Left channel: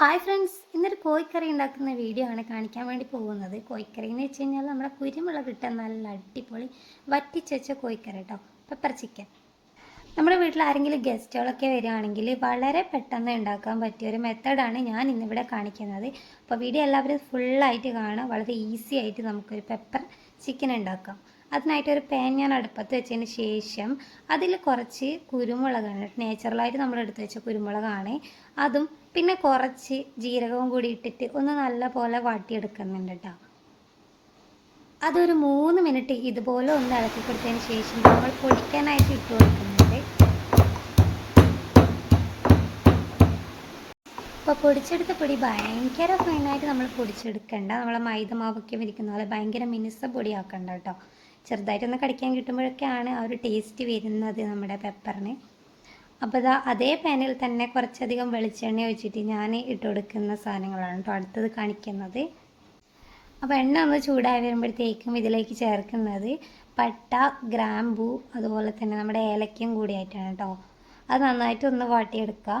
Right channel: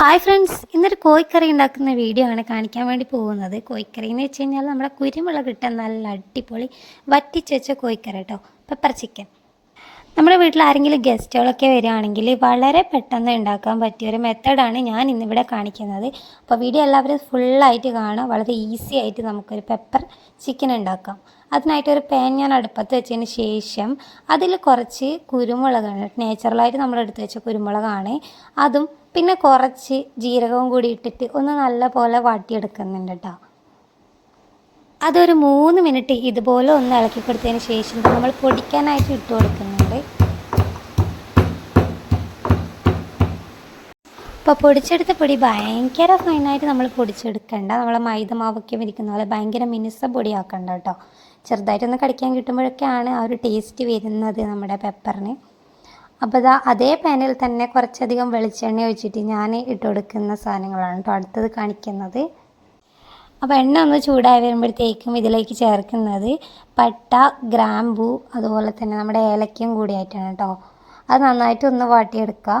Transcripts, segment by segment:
Hi friends ഇന്നൊരു കോഴിക്കറി ഉണ്ടാക്കുന്ന വീഡിയോ ആണ് കാണിക്കാൻ വേണ്ടി പോകുന്നത്. കോഴിക്കറി എന്ന് വെച്ച് കഴിഞ്ഞാൽ നമ്മുടെ കുരുമുളക് ഇട്ട നല്ല അടിപൊളി വറ്റിച്ച് വെച്ച കോഴിക്കറി കേട്ടോ. പെപ്പർ ചിക്കൻ നമ്മുടെ വീട്ടിൽ ആരെങ്കിലും ഗസ്റ്റുകളൊക്കെ വരികയാണെങ്കിൽ വളരെ പെട്ടെന്ന് ഉണ്ടാക്കാൻ പറ്റിയ ഒരു മെത്തേഡാണ് ഞാൻ ഇന്നിവിടെ കാണിക്കുന്നത്. അപ്പോൾ വീഡിയോ എല്ലാവരും ഫുള്ളായിട്ട് കാണാം. വളരെ ഈസി ആയിട്ട് നമുക്കൊരു പെപ്പർ ചിക്കൻ ഉണ്ടാക്കാം. അതിനായിട്ട് ഒരു പാൻ ഞാൻ അടുപ്പത്ത് വെച്ചതിന് ശേഷം അതിൽ കുറച്ച് കുരുമുളകാണ്. നേച്ചുറലായിട്ട് നമ്മൾ എടുത്ത് വെച്ച കുരുമുളകാണ്. അതും പിന്നെ കുറച്ച് ജീരകവും കൂടി ഇട്ടിട്ട് ഒന്ന് നല്ല പോലെ വാട്ടിയെടുക്കുന്നുണ്ട് കേട്ടോ അതൊരു മൂന്ന് മിനിറ്റ് ഇതുപോലെ ഒന്ന് ഇളക്കി കൊടുത്തതിന് ശേഷം നമ്മൾ പൊടിക്കാനായിട്ട് ഇട്ട് കൊടുക്കുന്നുണ്ട്. അപ്പോൾ പൊടിച്ചെടുത്ത പൊടി ഭയങ്കര ഫൈനായിട്ട് നമ്മൾ പൊടിച്ചെടുക്കണ്ട. നമ്മളെ മൈദ മാവൊക്കെ വിരിക്കുന്ന പോലെ ഭയങ്കര മിനുസ പൊടിയാക്കണ്ട കേട്ടോ ചെറുതായിട്ടൊന്ന് കടിക്കാൻ കിട്ടുമ്പോഴൊക്കെയാണ് ആ ഒരു ടേസ്റ്റ് വരുന്നത് നമ്മുടെ പെപ്പറിന് അപ്പോൾ ഇതാ അതേ പാനിൽ തന്നെ കുറച്ചധികം വെളിച്ചെണ്ണ ഒഴിച്ചിട്ട് ഞാൻ ഇട്ട് കൊടുക്കുന്ന സാധനങ്ങളാണ് കേട്ടോ അടുത്തത് കാണിക്കുന്നത്. അപ്പോൾ എണ്ണ ഒന്ന് ചൂടായി വരുമ്പോഴത്തേക്കും ഇതിലേക്ക് ചേർക്കുന്നത് പട്ട ഗ്രാമ്പു അതുപോലെ തന്നെ നമ്മുടെ ഏലക്കയും കൂടിയായിട്ടാണ് കേട്ടോ അത് നന്നായിട്ട് ഒന്ന് വാട്ടിയെടുക്കുക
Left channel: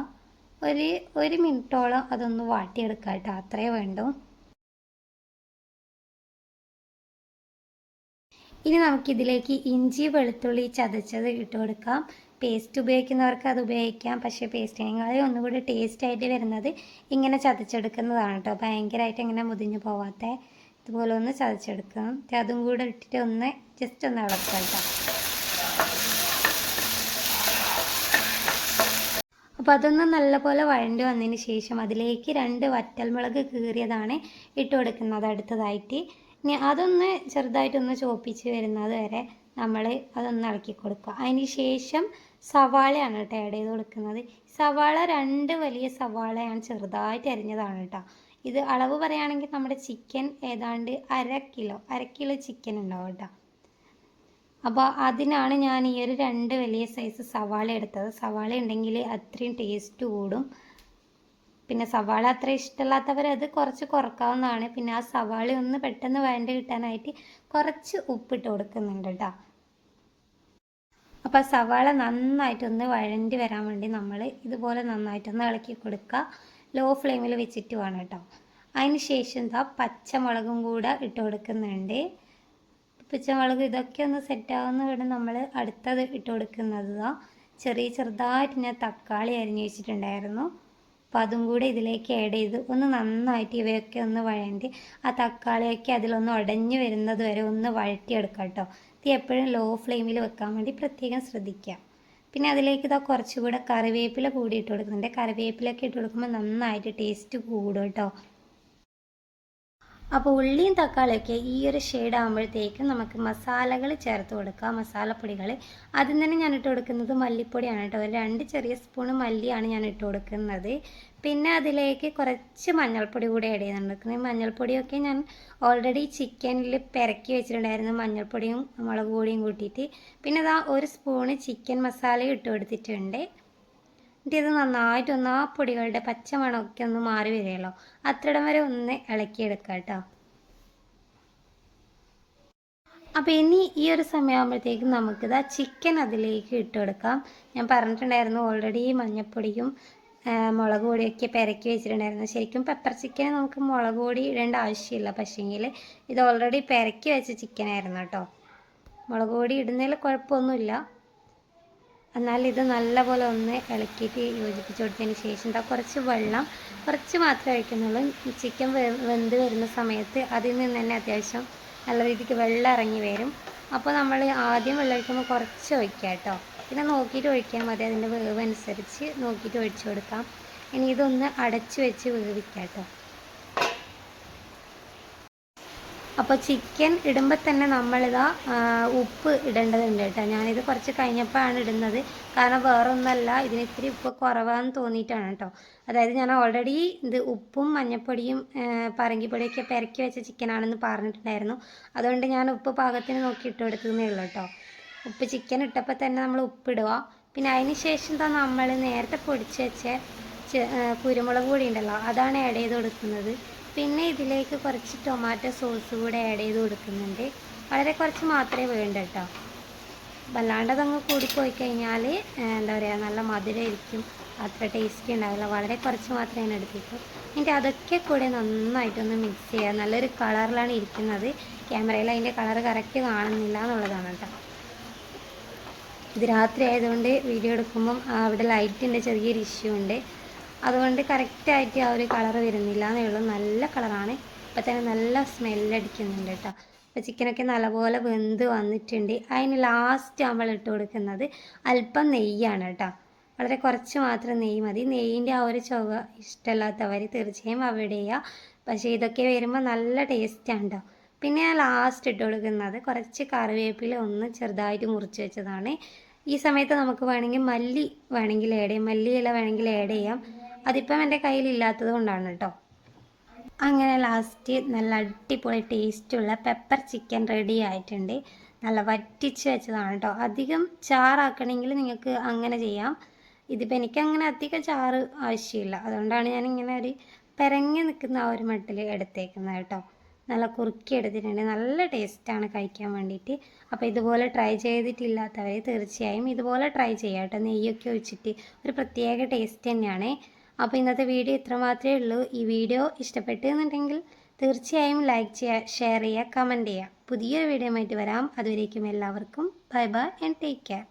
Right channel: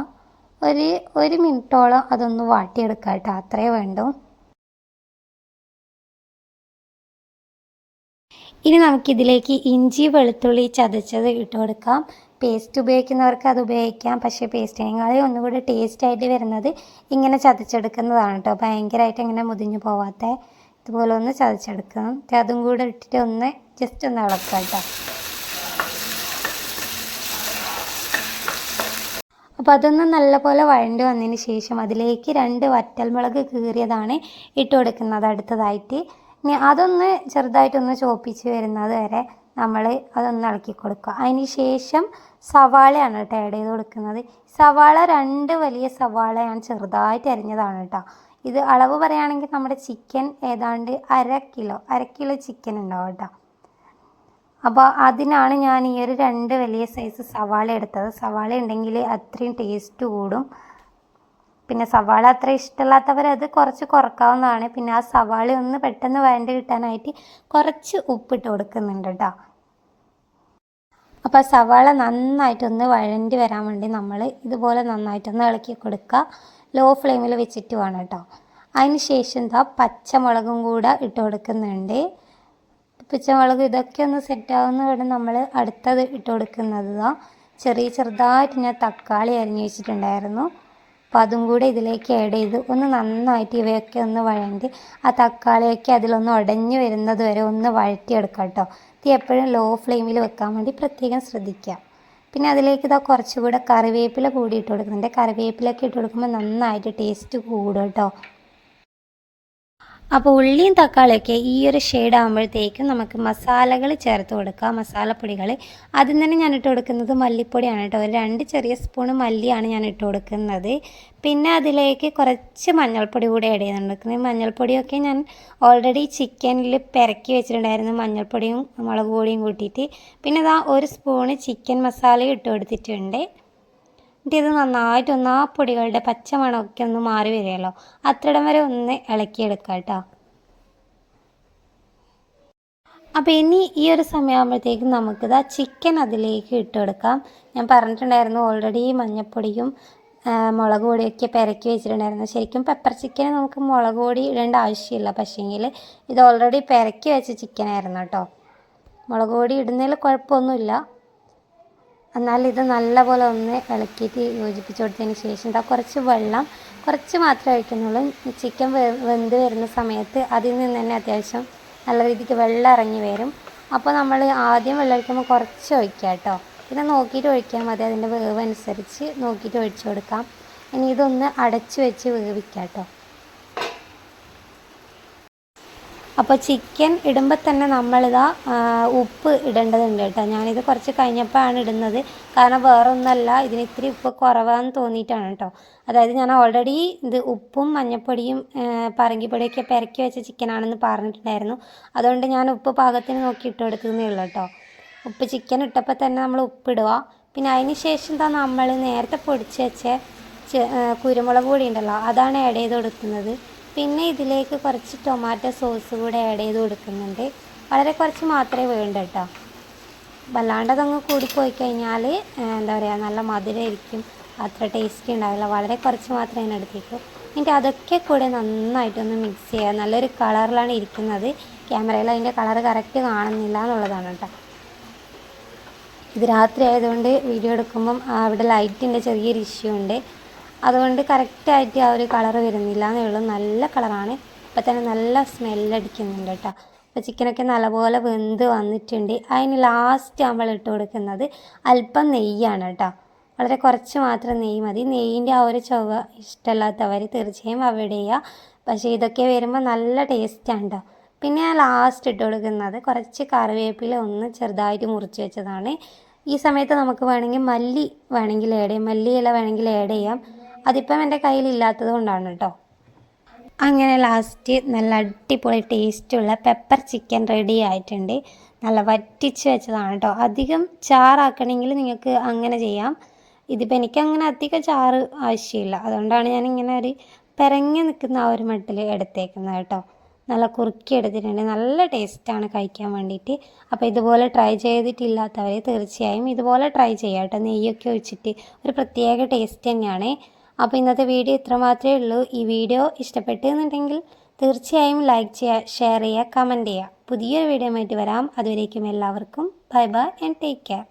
ഒരു ഒരു മിനിറ്റോളം അതൊന്ന് വാട്ടിയെടുക്കുക കേട്ടോ അത്രേ വേണ്ടൂ. ഇനി നമുക്കിതിലേക്ക് ഇഞ്ചി വെളുത്തുള്ളി ചതച്ചത് ഇട്ട് കൊടുക്കാം പേസ്റ്റ് ഉപയോഗിക്കുന്നവർക്ക് അത് ഉപയോഗിക്കാം. പക്ഷേ പേസ്റ്റിനേക്കാളും ഒന്നുകൂടി ടേസ്റ്റ് ആയിട്ട് വരുന്നത് ഇങ്ങനെ ചതച്ചെടുക്കുന്നതാണ് കേട്ടോ ഭയങ്കരമായിട്ട് ഇങ്ങനെ മുതിഞ്ഞു പോവാത്ത. ഇതുപോലെ ഒന്ന് ചതച്ചെടുക്കണം. അതും കൂടെ ഇട്ടിട്ട് ഒന്ന് ജസ്റ്റ് ഒന്ന് ഇളക്കാം കേട്ടോ അപ്പോൾ അതൊന്ന് നല്ലപോലെ വഴണ്ട് വന്നതിന് ശേഷം അതിലേക്ക് രണ്ട് വറ്റൽമുളക് കീറിയതാണ് ഇട്ട് കൊടുക്കുന്നത് അടുത്തതായിട്ട്. ഇനി അതൊന്ന് ചെറുതായിട്ടൊന്ന് ചോപ്പിച്ച് വരുന്നത് വരെ നമ്മൾ അതൊന്ന് ഇളക്കി കൊടുക്കുക. അതിന് ശേഷം സവാളയാണ് കേട്ടോ ആഡ് ചെയ്ത് കൊടുക്കുന്നത്. സവാള രണ്ട് വലിയ സവാള ഞാൻ ചെറുതായിട്ട് അരിഞ്ഞതാണ് കേട്ടോ. ഇത് അളവ് പറയുകയാണെങ്കിൽ നമ്മുടെ ചിക്കൻ ഏതാണ്ട് അര കിലോ അര കിലോ ചിക്കൻ ഉണ്ടാവും കേട്ടോ. അപ്പോൾ അതിനാണ് ഞാൻ ഈ ഒരു രണ്ട് വലിയ സൈസ് സവാള എടുത്തത്. സവാള ഉണ്ടെങ്കിൽ അത്രയും ടേസ്റ്റ് കൂടും. പിന്നെ സവാള അത്ര ഇഷ്ടമില്ലാത്തവർ അത് കുറച്ച് കുറക്കാവുന്നതാണ്. പിന്നെ ആ സവാള ഒന്ന് പെട്ടെന്ന് വേണ്ടി കിട്ടാനായിട്ട് കുറച്ച് ഉപ്പിട്ട് കൊടുക്കുന്നുണ്ട് കേട്ടോ. അപ്പോൾ സവാള നന്നായിട്ടൊന്ന് വഴണ്ടി വരാൻ വേണ്ടി നമ്മൾ ഇതുപോലെ നന്നായിട്ടൊന്ന് ഇളക്കി കൊടുക്കുക ലോ ഫ്ലെയിമിൽ വെച്ചിട്ട് വേണം കേട്ടോ. അതിന് ശേഷം എന്താ പച്ചമുളകും കൂടെ ഇട്ട് കൊടുക്കുന്നുണ്ട്. പച്ചമുളക് ഇതൊക്കെ ഒന്ന് സെറ്റാവുന്ന വേണം നമ്മൾ അടുത്തത് ഇട്ട് കൊടുക്കുന്നത് ചെറിയ ചെറുതായിട്ട് ഞാൻ തക്കാളി അരിഞ്ഞു വെച്ചിട്ടുണ്ടായിരുന്നു. അപ്പോൾ അതും കൂടെ ഇതിലേക്ക് ആഡ് ചെയ്ത് ഒന്ന് നന്നായിട്ട് ഇവയൊക്കെ ഒന്ന് വഴണ്ടി ആ തക്കാളിയൊക്കെ അതിലൊന്ന് ഉടഞ്ഞു വരുന്നത് വരെ ഒന്ന് വഴറ്റിയെടുക്കാം കേട്ടോ. തീ എപ്പോഴും ലോ ഫ്ലെയിമിൽ വെക്കാൻ വേണ്ടി പ്രത്യേകം ശ്രദ്ധിക്കുക. പിന്നെ അതിലേക്ക് ഇതാ കുറച്ചുകൂടെ കറിവേപ്പില കൂടി ഇട്ട് കൊടുക്കുന്നുണ്ട്. കറിവേപ്പിലൊക്കെ ഇട്ട് കൊടുക്കുമ്പോൾ നന്നായിട്ട് ടേസ്റ്റ് കൂടും കേട്ടോ അപ്പോൾ ഉള്ളിയും തക്കാളിയൊക്കെ ഈ ഒരു ഷെയ്ഡ് ആകുമ്പോഴത്തേക്കും നമുക്ക് മസാലകൾ ചേർത്ത് കൊടുക്കാം മസാലപ്പൊടികൾ ആദ്യം തന്നെ ഞാൻ ഇട്ട് കൊടുക്കുന്നത് മല്ലിപ്പൊടിയാണ് കേട്ടോ. ഒരു രണ്ട് ചെറിയ സ്പൂൺ മല്ലിയാണ് ഞാൻ ഇട്ട് കൊടുക്കുന്നത്. പിന്നെ അതിലേക്ക് കുറച്ച് മഞ്ഞൾപ്പൊടി കൂടെ ആഡ് ചെയ്യുന്നുണ്ട് മഞ്ഞൾപ്പൊടിയൊക്കെ ഞാൻ ഓൾറെഡി ചിക്കനിൽ പെരക്കി വെച്ചിട്ടുണ്ടായിരുന്നു. മഞ്ഞൾപ്പൊടിയും മുളക് പൊടിയും കൂട്ടിയിട്ട്. പിന്നെ ഇതാ ഒരു സ്പൂണ് ചിക്കൻ മസാലയും ഇട്ട് കൊടുത്തിട്ടുണ്ട്. എന്നിട്ട് ഇത് നന്നായിട്ടൊന്ന് ആ പൊടികളുടെ പച്ചമണമൊക്കെ ഒന്ന് മാറി വരികയല്ലോ. അത്രയിടം വരെ ഒന്ന് ഇളക്കിയെടുക്കാം കേട്ടോ. അപ്പോൾ ഇനി ഈ ഒരു സമയമാകുമ്പോഴത്തേക്കും നമുക്കിത് ആ ചിക്കൻ അതിലേക്ക് ഇട്ട് കൊടുക്കാം. ഞാൻ പറഞ്ഞിട്ടുണ്ടായിരുന്നു ഓൾറെഡി മഞ്ഞൾപ്പൊടിയും മുളക് പൊടിയൊക്കെ പെരക്കി വെച്ചിട്ടുണ്ടായിരുന്നു. ശരിക്കും പെപ്പർ ചിക്കന് നമുക്ക് മുളക് പൊടി ഇടേണ്ട ആവശ്യമില്ല. പക്ഷേങ്കിൽ ഇത് ഓൾറെഡി പെരക്കി വെച്ച ചിക്കനായിരുന്നു കേട്ടോ. മുളക് പൊടി ഇടുന്നതിൽ കുഴപ്പമൊന്നുമില്ല. എന്നാൽ ഇത് നല്ലപോലെ ഒന്ന് ഇളക്കിയിട്ട് യോജിപ്പിച്ച് കൊടുത്തതിന് ശേഷം എന്താ കുറച്ച് വെള്ളം കുറച്ച് മാത്രമേ ഒഴിക്കുന്നുള്ളൂ. ചിക്കൻ വെന്ത് വരുന്ന സമയത്ത് അതിൽ നിന്ന് തന്നെ അത്യാവശ്യം നല്ല രീതിക്ക് വെള്ളം ഇറങ്ങി വരും. അപ്പോൾ നമ്മൾ ആദ്യം വെള്ളം ഒഴിക്കുമ്പോൾ കുറച്ച് ഒഴിക്കുക കേട്ടോ. പിന്നെ നോക്കിയിട്ട് ഒഴിക്കാൻ മതി. അതിന്റെ വേവ് അനുസരിച്ച് നോക്കിയിട്ട് ഒഴിച്ചു കൊടുക്കാം. ഇനി ഇതൊന്ന് അടച്ചു വെച്ച് വേവിക്കാം കേട്ടോ. അപ്പോൾ ചിക്കൻ ഇടുമ്പോൾ തന്നെ നമ്മളിതാ ഉപ്പ് ഇടേണ്ടതുണ്ട് കേട്ടോ. ഞാനിത് കുറച്ച് കഴിഞ്ഞപ്പോഴാണ് ഇടുന്നത്. കാരണം വേറൊന്നല്ല ഇതിന് ഇത്തിരി ഉപ്പ് കുറവാന്ന് തോന്നിയിട്ടാണ് കേട്ടോ. അതായത് ഞാൻ ഓൾറെഡി ഇത് ഉപ്പും മഞ്ഞൾപ്പൊടിയും പറങ്കിപ്പൊടിയൊക്കെ പെരക്കി വെച്ച ചിക്കനാണെന്ന് പറഞ്ഞിട്ടുണ്ടായിരുന്നു. അതുകൊണ്ട് ഞാൻ ഉപ്പ് പാകത്തിന് നോക്കി ഇട്ട് കൊടുക്കുന്നേ ഉള്ളൂ കേട്ടോ. ഉപ്പ് ചിക്കൻ ഇട്ടപ്പോൾ തന്നെ നമ്മൾ ഉപ്പിടുക പിന്നെ അതിന് ശേഷം എന്താ നമ്മൾ നേരത്തെ പൊടിച്ച് വെച്ച കുരുമുളക് പൊടി ഉണ്ടല്ലോ അതാണ് ആഡ് ചെയ്ത് കൊടുക്കുന്നത്. പിന്നെ ഇതിലേക്ക് കുറച്ച് ടൊമാറ്റോ സോസ് കൂടെ ആഡ് ചെയ്ത് കൊടുക്കുന്നുണ്ട്. വളരെ കുറച്ച് മാത്രമേ വേണ്ട കേട്ടോ വല്ലാണ്ടതങ്ങ് കൂടിപ്പോയി കഴിഞ്ഞാൽ എന്താ പറയുക നല്ല മധുരമായിരിക്കും അത്ര ടേസ്റ്റി ഉണ്ടാവില്ല. വളരെ കുറച്ച് മാത്രമേ അതിനെടുത്തിട്ടു എന്നിട്ട് അതൊക്കെ കൂടെ നന്നായിട്ടൊന്ന് മിക്സ് ചെയ്യുക നല്ലൊരു കളറിലാണ് ഇരിക്കുന്നത്. ക്യാമറയിൽ അതിന്റെ കളർ കറക്റ്റ് കാണുന്നില്ല എന്നുള്ളതാണ് കേട്ടോ ഇത് രാത്രി ആയതുകൊണ്ട് വീഡിയോ എടുക്കുമ്പം അവിടെ ലൈറ്റിന്റെ ചെറിയൊരു ഇഷ്യൂ ഉണ്ട്. അതുകൊണ്ട് കറക്റ്റായിട്ട് ആ ഒരു കളർ വരുന്നില്ല എന്നേ ഉള്ളൂ നല്ല കളറാണ് ഇപ്പം തന്നെ നല്ല സ്മെല്ലടിക്കുന്നുണ്ട് കേട്ടോ. അപ്പോൾ ചിക്കനൊക്കെ നല്ലപോലെ വെന്ത് വന്നിട്ടുണ്ട്. അതിന് ലാസ്റ്റ് നമ്മൾ ഇട്ട് കൊടുക്കുന്നത് അല്പം നെയ്യാണ് കേട്ടോ. വളരെ കുറച്ച് മാത്രം നെയ്യ് മതി. നെയ്യിന്റെ ആ ഒരു ചുവ ഇഷ്ടമല്ലാത്തവർ തീർച്ചയായും ചെയ്യുക. പക്ഷേ ഇതൊക്കെ വരുമ്പോൾ നല്ല ടേസ്റ്റാണ് കേട്ടോ. പിന്നെ ഞാൻ ലാസ്റ്റ് ഇട്ട് കൊടുക്കുന്നത് കുറച്ച് കറിവേപ്പില ഒന്ന് ചെറുതായിട്ട് മുറിച്ച് വെച്ചതാണ്. ഈ സമയത്ത് നമുക്ക് വേണമെങ്കിൽ മല്ലി വേണമെങ്കിൽ ആഡ് ചെയ്യാം. മല്ലി ഇല വേണമെങ്കിൽ ആഡ് ചെയ്യാം. അതിപ്പം എന്റെ കയ്യിലില്ലാത്തത് കൊണ്ടാണ് കേട്ടോ. അങ്ങനെ ലാസ്റ്റ് നല്ല അടിപൊളി ടേസ്റ്റുള്ള പെപ്പർ ചിക്കൻ റെഡി ആയിട്ടുണ്ട്. നല്ല വറ്റിച്ച് വെച്ചതാണ് കേട്ടോ. അധികം ചാറാക്കണമെങ്കിൽ നിങ്ങൾക്ക് അങ്ങനെ ചെയ്യാം. ഇതിപ്പോൾ എനിക്കങ്ങനെ അധികം ചാറ് ആവശ്യമില്ല. അതുകൊണ്ടാണ് ഞാൻ ഇങ്ങനെ ഒരു പെരങ്ങി നിൽക്കുന്ന ആ ഒരു മട്ടിൽ എടുത്തേക്കുന്നത് കേട്ടോ. നല്ല കുറുക്കി എടുത്തിട്ടുണ്ട്. നല്ല ടേസ്റ്റാണ് കഴിക്കാൻ വേണ്ടിയിട്ട്. അപ്പോൾ ഇതുപോലെ ട്രൈ ചെയ്തിട്ടില്ലാത്തവർ തീർച്ചയായും ഇതുപോലെ ട്രൈ ചെയ്യാം കേട്ടോ. നെയ്യൊക്കെ ഒഴിച്ചിട്ട് ഒരു പ്രത്യേക ടേസ്റ്റ് തന്നെയാണ്. അപ്പോൾ ഇന്നത്തെ വീഡിയോ ഇത്ര മാത്രമേ ഉള്ളൂ. ഈ വീഡിയോ ഇഷ്ടപ്പെട്ടു എന്നുണ്ടെങ്കിൽ തീർച്ചയായും ലൈക്ക് ചെയ്യുക ഷെയർ ചെയ്യുക കമന്റ് ചെയ്യുക പുതിയൊരു വീഡിയോ ആയിട്ട് വരാം. അതുവരേക്കും എല്ലാവർക്കും bye bye and take care